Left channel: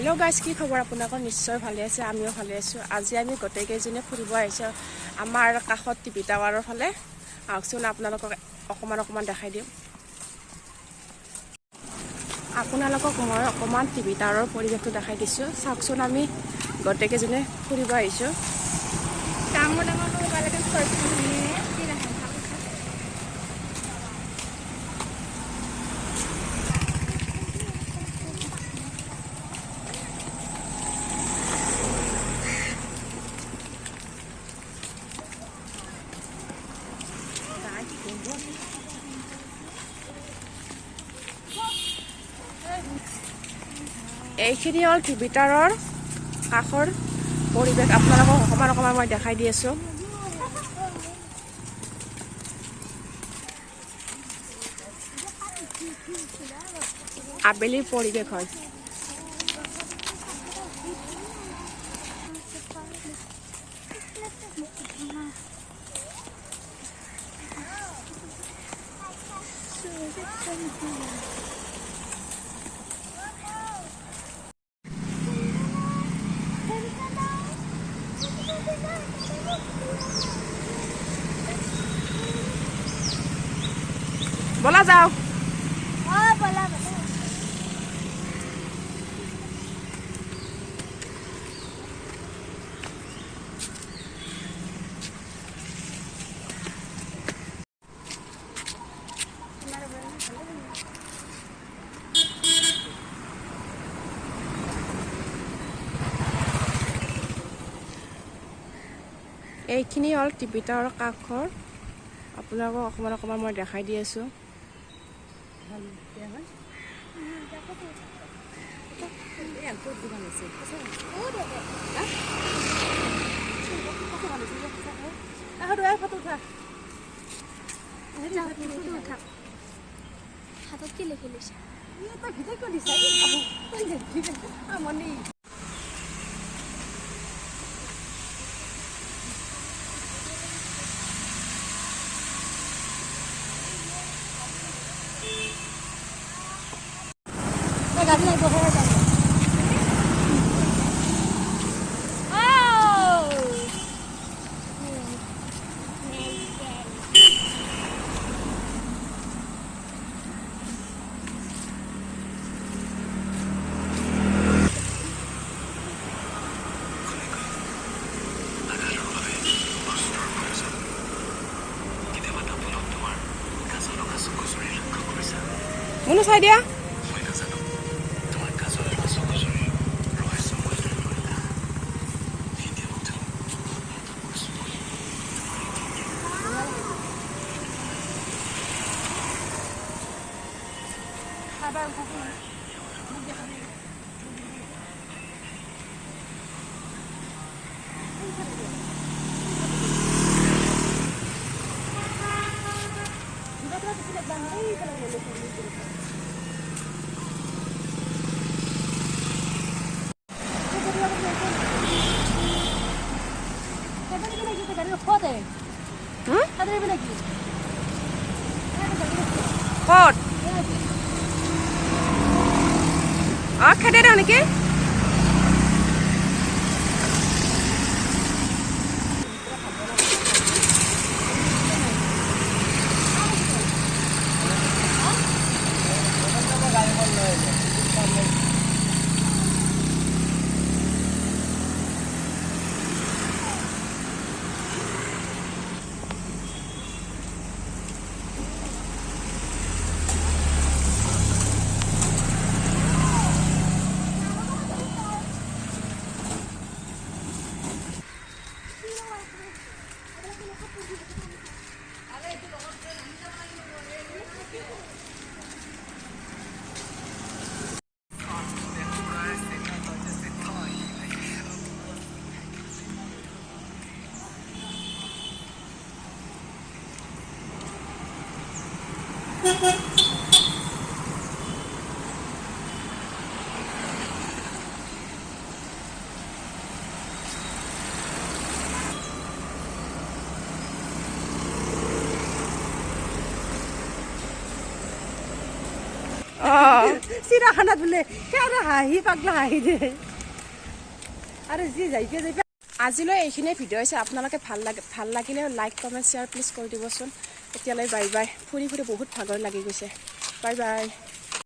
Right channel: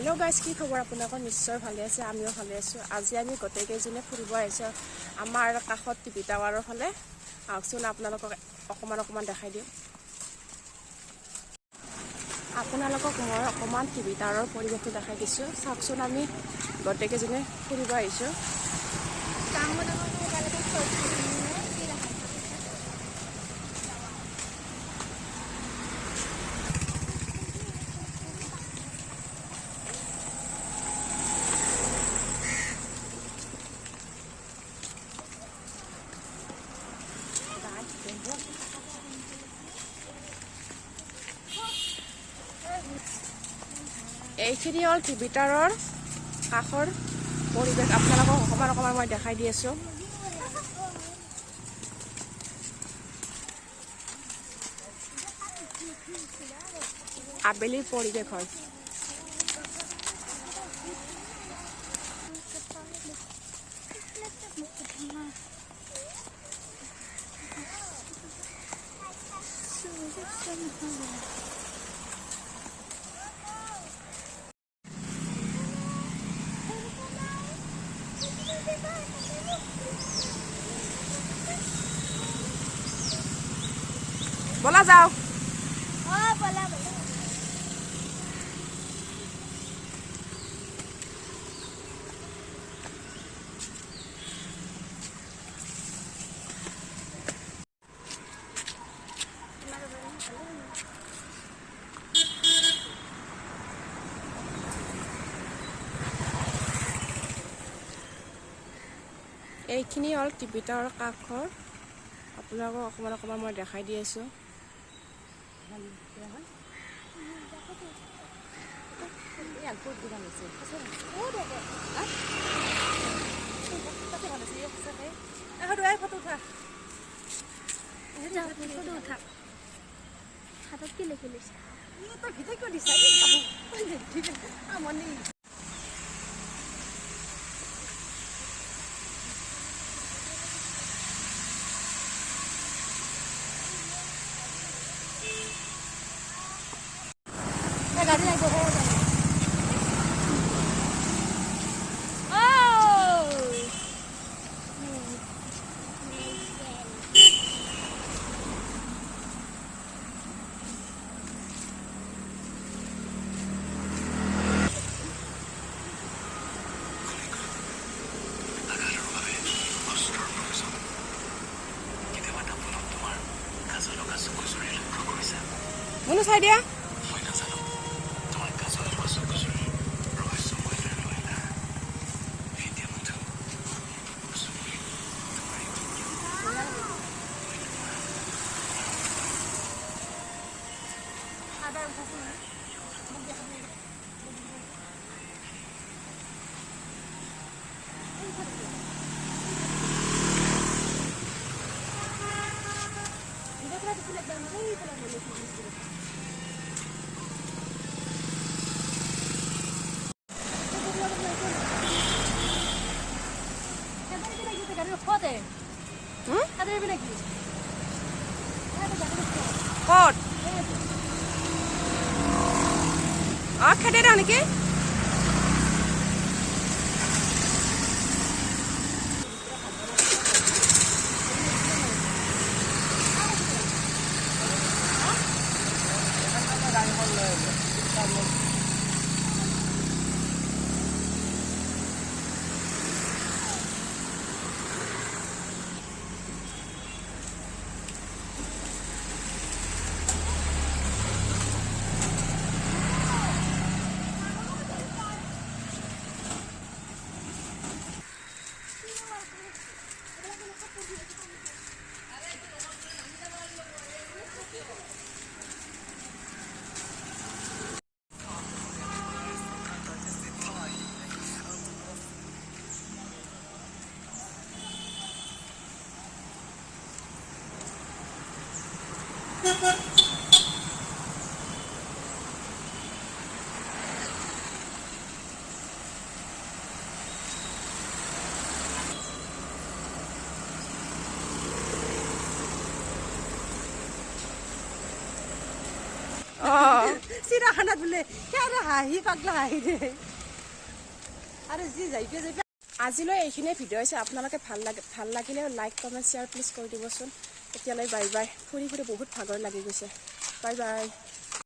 hello guys की खबर আপোনালোকৰ নিশ্চয় ভালে আছে আমিও ভালে আছো আজি আমি গটে কেজনে ফুৰিব আহিছো আমাৰ কাখত টিভি টাৱাৰৰ ফালে আহকচোন আপোনালোকক অকমান দেখাই দিম আপোনালোকক মই অকমান টিভি টাৱাৰৰ পৰিৱেশটো দেখাই দিছো চাওকচোন আমি গটে কেজনে ফুৰিব আহিছো এইখিনি হল টিভি টাৱাৰৰ কাখৰ পৰিৱেশ আপোনালোকক অকমান মই দেখাই দি আছো আবেলিৰ পৰিৱেশ হয় বলা যাও এইখিনি হল টিভি টাৱাৰৰ কাখৰ আপোনালোকক অকমান মই দেখাই দি আছো মনু চাই দিয়া কত খেদে দেও নেকি চিৰাখানাত বোলে সেয়াৰে হাঁহি পাগলা হাঁহি দিয়ে আৰু যি যাইকে যাইকে আজিলৈ এইখিনিয়ে ভিডিঅ' হৈছে আপোনালোকে ভাল লাগিলে লাইক কমেণ্ট শ্বেয়াৰ প্লিজ কৰি দিবচোন এতিয়ালৈ বাই বাই ফুৰি ফুৰি বহুত ভাগৰ লাগি গৈছে বাই বাই